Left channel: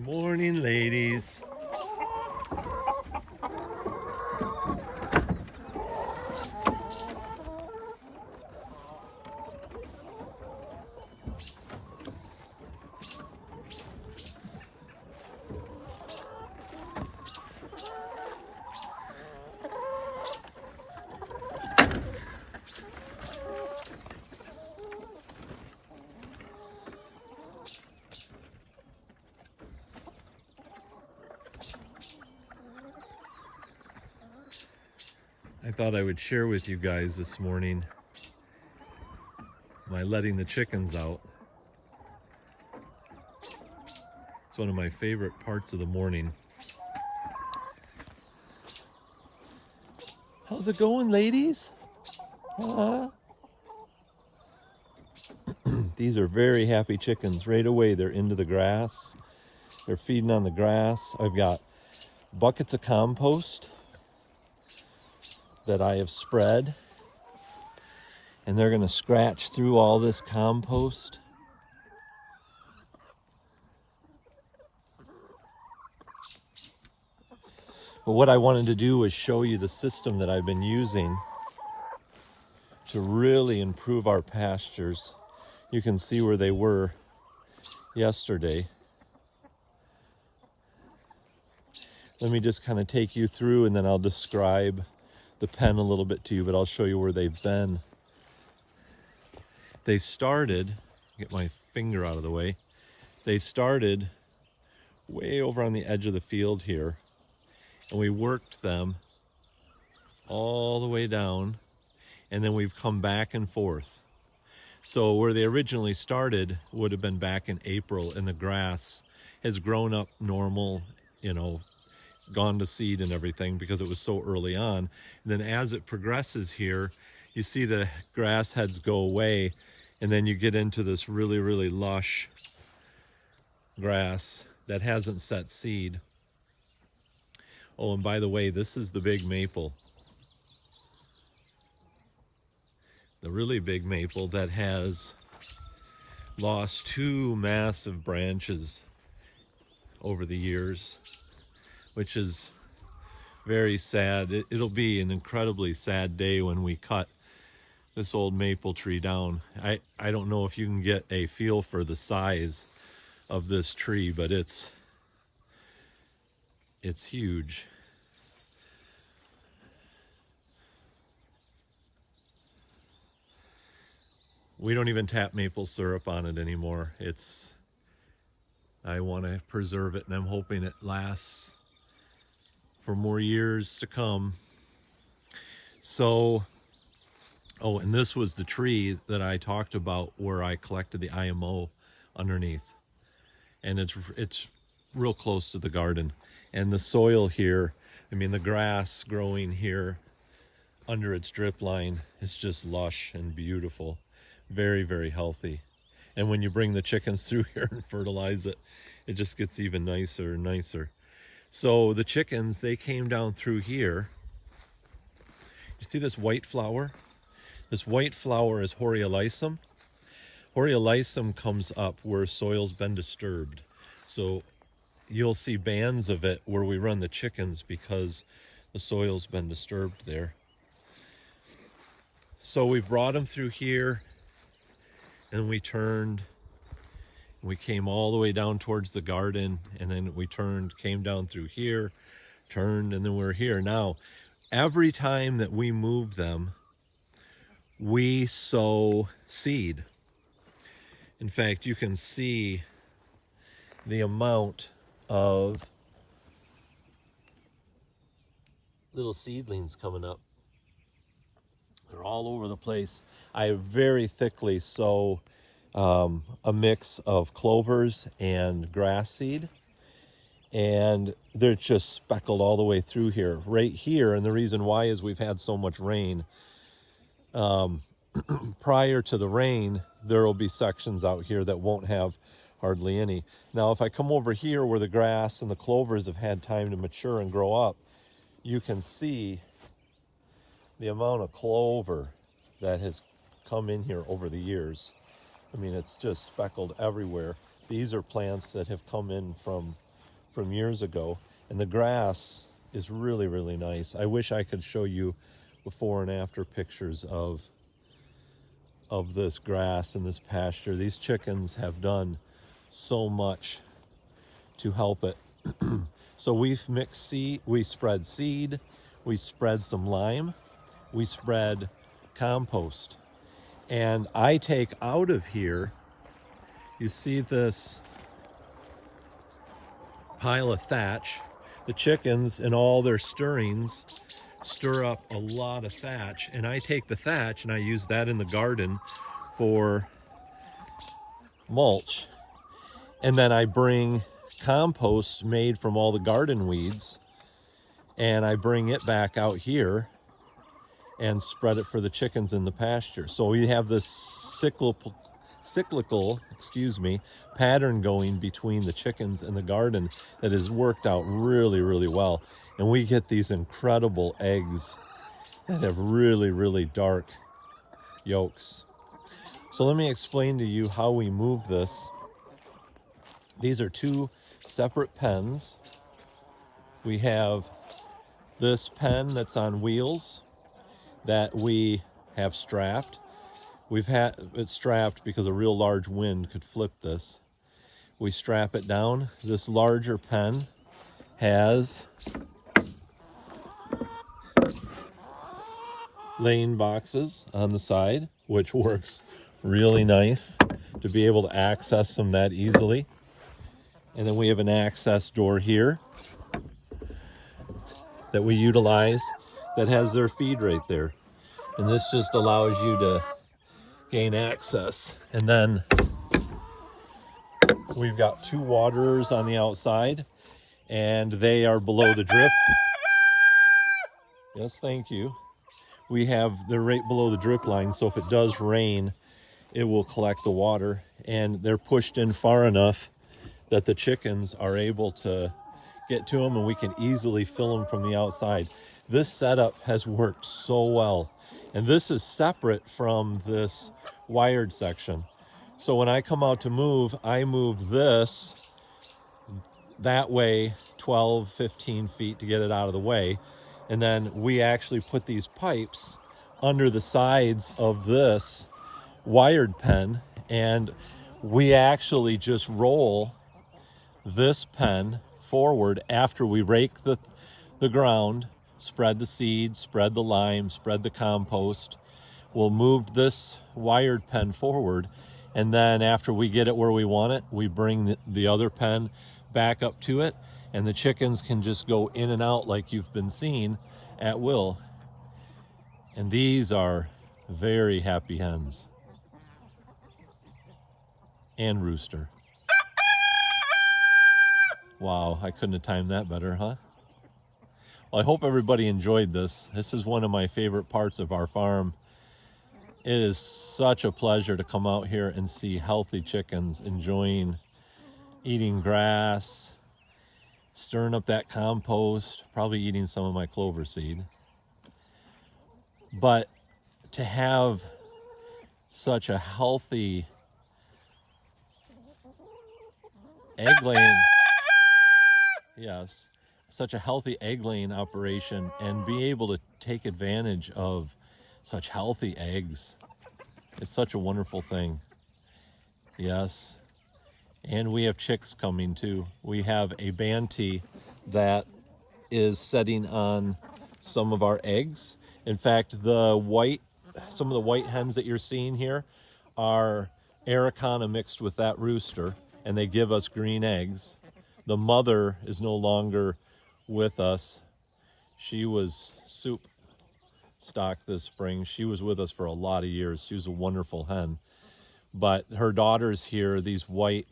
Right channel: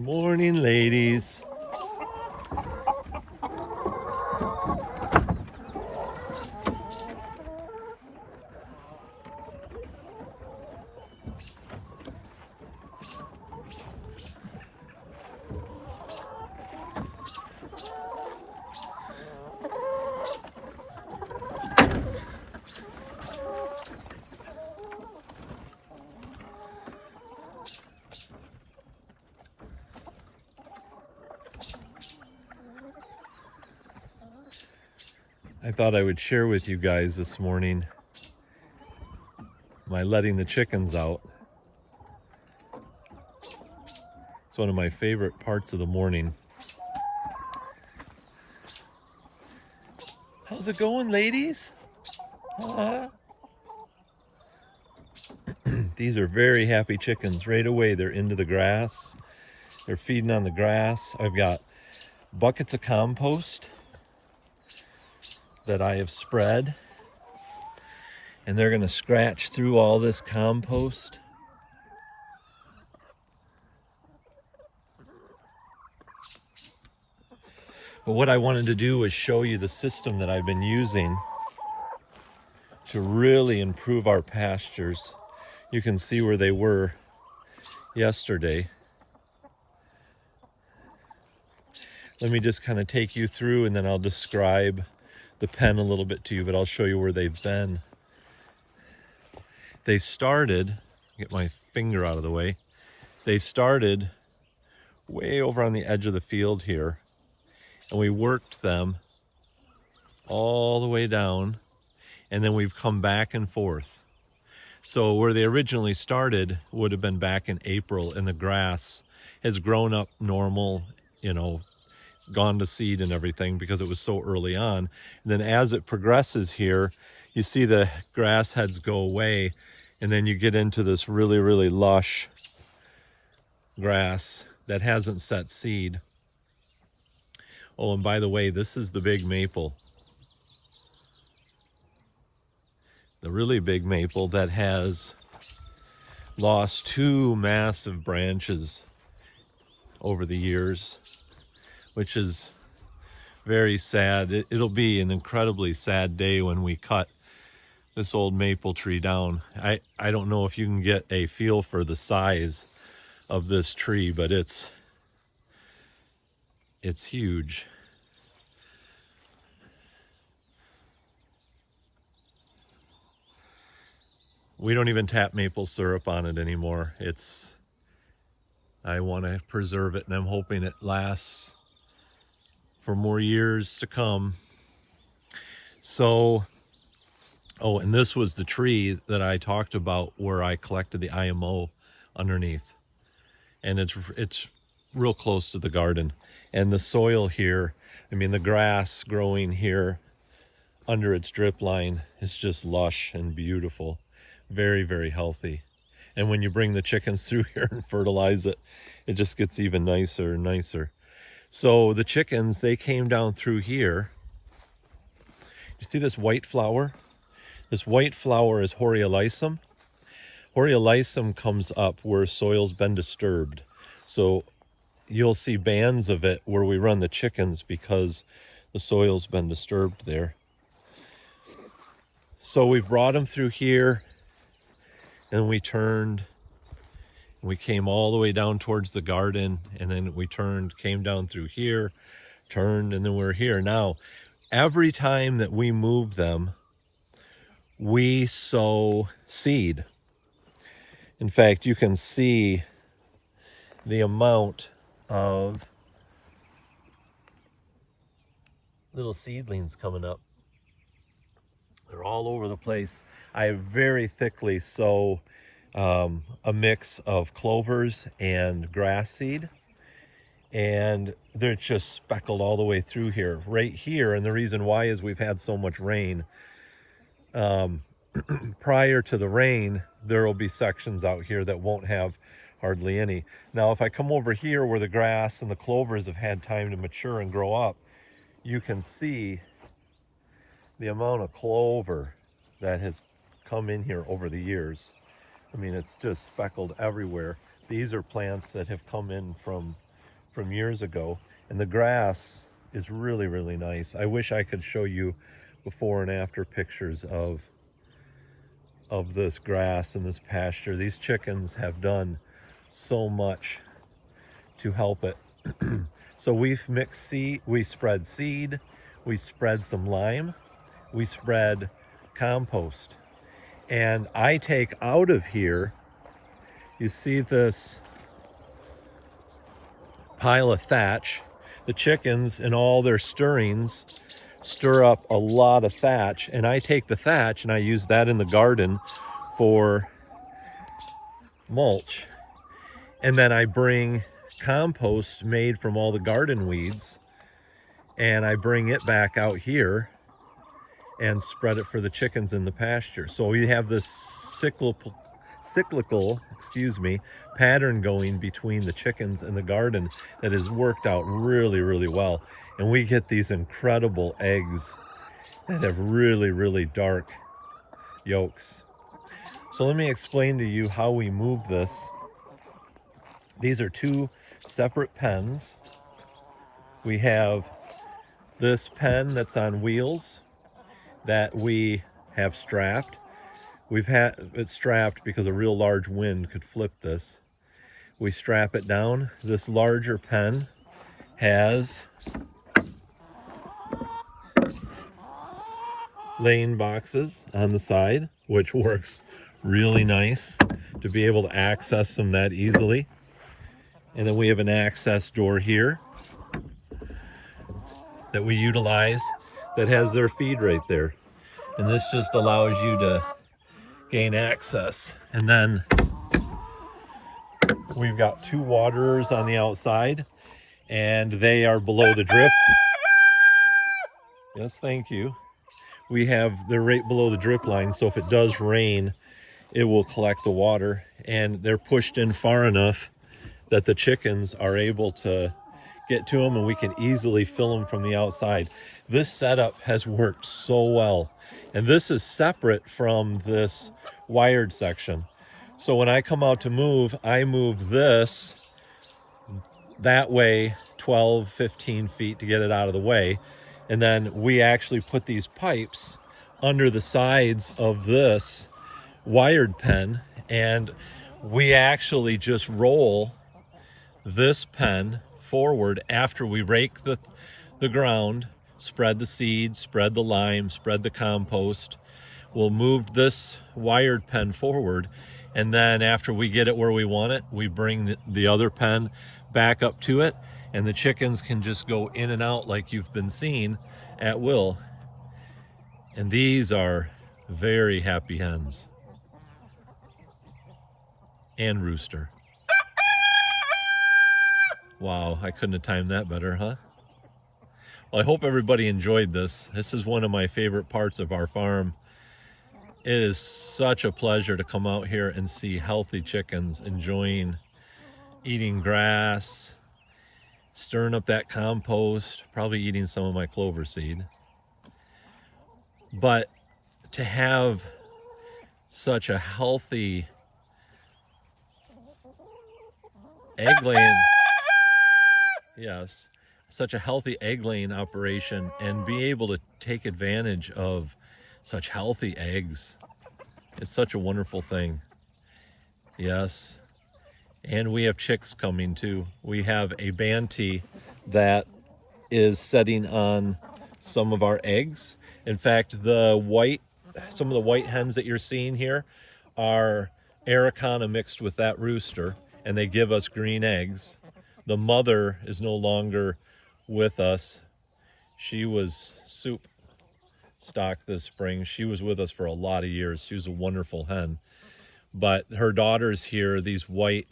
Good morning, ladies. I thought I would share with you guys this morning my letting the chickens out. It's one of my favorite parts of the morning. How's it going, ladies? These are very happy chickens. Right away, they're into the grass. They're feeding on the grass. I've got buckets of compost that I have spread, and they're going to scratch through all this compost. But what I wanted to do was show you the system that I've been using to really improve our pastures. You can see where they were yesterday. Let me just kind of take you through, and then I'll describe the pen a little bit to you, but I'll show you where they've been. They started, get my finger out of the way, they started way over on the edge of the field here, and we worked them all the way down, and then we've come back and forth. So where they originally started would have been back in April, and the grass has grown up normal, gone to seed and everything because it was so early on. And then as it progresses here, you see the grass heads go away, and then you get into this really, really lush grass that hasn't set seed. Oh, and by the way, this is the big maple. The really big maple that has lost 2 massive branches over the years, which is very sad. It'll be an incredibly sad day when we cut this old maple tree down. I don't know if you can get a feel for the size of this tree, but it's huge. We don't even tap maple syrup on it anymore. I want to preserve it, and I'm hoping it lasts for more years to come. So, oh, and this was the tree that I talked about where I collected the IMO underneath. And it's real close to the garden. And the soil here, the grass growing here under its drip line is just lush and beautiful. Very, very healthy. And when you bring the chickens through here and fertilize it, it just gets even nicer and nicer. So the chickens, they came down through here. You see this white flower? This white flower is Horiolisum. Horiolisum comes up where soil's been disturbed. So you'll see bands of it where we run the chickens because the soil's been disturbed there. So we brought them through here, and we turned. We came all the way down towards the garden, and then we turned, came down through here, turned, and then we're here. Now, every time that we move them, we sow seed. In fact, you can see the amount of little seedlings coming up. They're all over the place. I very thickly sow a mix of clovers and grass seed, and they're just speckled all the way through here, right here. And the reason why is we've had so much rain. Prior to the rain, there will be sections out here that won't have hardly any. Now, if I come over here where the grass and the clovers have had time to mature and grow up, you can see the amount of clover that has come in here over the years. It's just speckled everywhere. These are plants that have come in from from years ago, and the grass is really, really nice. I wish I could show you before and after pictures of this grass and this pasture. These chickens have done so much to help it. So we've mixed seed, we spread seed, we spread some lime, we spread compost. And I take out of here, you see this pile of thatch. The chickens and all their stirrings stir up a lot of thatch, and I take the thatch and I use that in the garden for mulch. And then I bring compost made from all the garden weeds and I bring it back out here and spread it for the chickens in the pasture. So we have this cyclical pattern going between the chickens and the garden that has worked out really, really well. And we get these incredible eggs that have really, really dark yolks. So let me explain to you how we move this. These are two separate pens. We have this pen that's on wheels that we have strapped. We've had it strapped because a real large wind could flip this. We strap it down. This larger pen has lane boxes on the side, which works really nice to be able to access them that easily. And then we have an access door here that we utilize that has their feed right there. And this just allows you to gain access. And then we've got two waterers on the outside and they are below the drip. Yes, thank you. They're right below the drip line, so if it does rain, it will collect the water, and they're pushed in far enough that the chickens are able to get to them and we can easily fill them from the outside. This setup has worked so well, and this is separate from this wired section. So when I come out to move, I move this that way 12, 15 feet to get it out of the way. And then we actually put these pipes under the sides of this wired pen, and we actually just roll this pen forward after we rake the ground, spread the seed, spread the lime, spread the compost. We'll move this wired pen forward, and then after we get it where we want it, we bring the other pen back up to it, and the chickens can just go in and out like you've been seeing at will. And these are very happy hens. And rooster. Wow, I couldn't have timed that better, huh? Well, I hope everybody enjoyed this. This is one of my favorite parts of our farm. It is such a pleasure to come out here and see healthy chickens enjoying eating grass, stirring up that compost, probably eating some of my clover seed. But to have such a healthy egg laying, yes, such a healthy egg laying operation, and be able to take advantage of such healthy eggs, it's such a wonderful thing. Yes. And we have chicks coming too. We have a Banty that is setting on some of our eggs. In fact, some of the white hens that you're seeing here are Araucana mixed with that rooster, and they give us green eggs. The mother is no longer with us. She was soup stock this spring. She was with us for a lot of years. She was a wonderful hen. But her daughters here, these white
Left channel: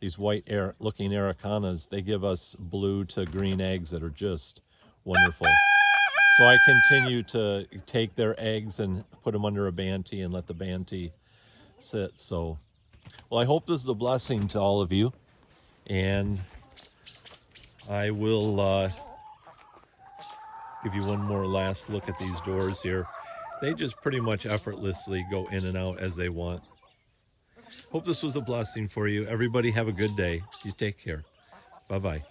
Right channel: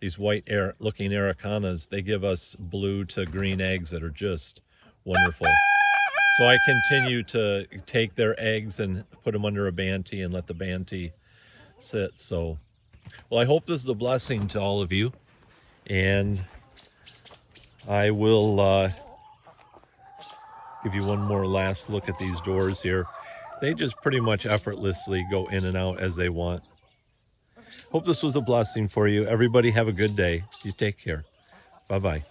looking Araucanas, they give us blue to green eggs that are just wonderful. So I continue to take their eggs and put them under a Banty and let the Banty sit. So, well, I hope this is a blessing to all of you. And I will give you one more last look at these doors here. They just pretty much effortlessly go in and out as they want. Hope this was a blessing for you. Everybody have a good day. You take care. Bye-bye.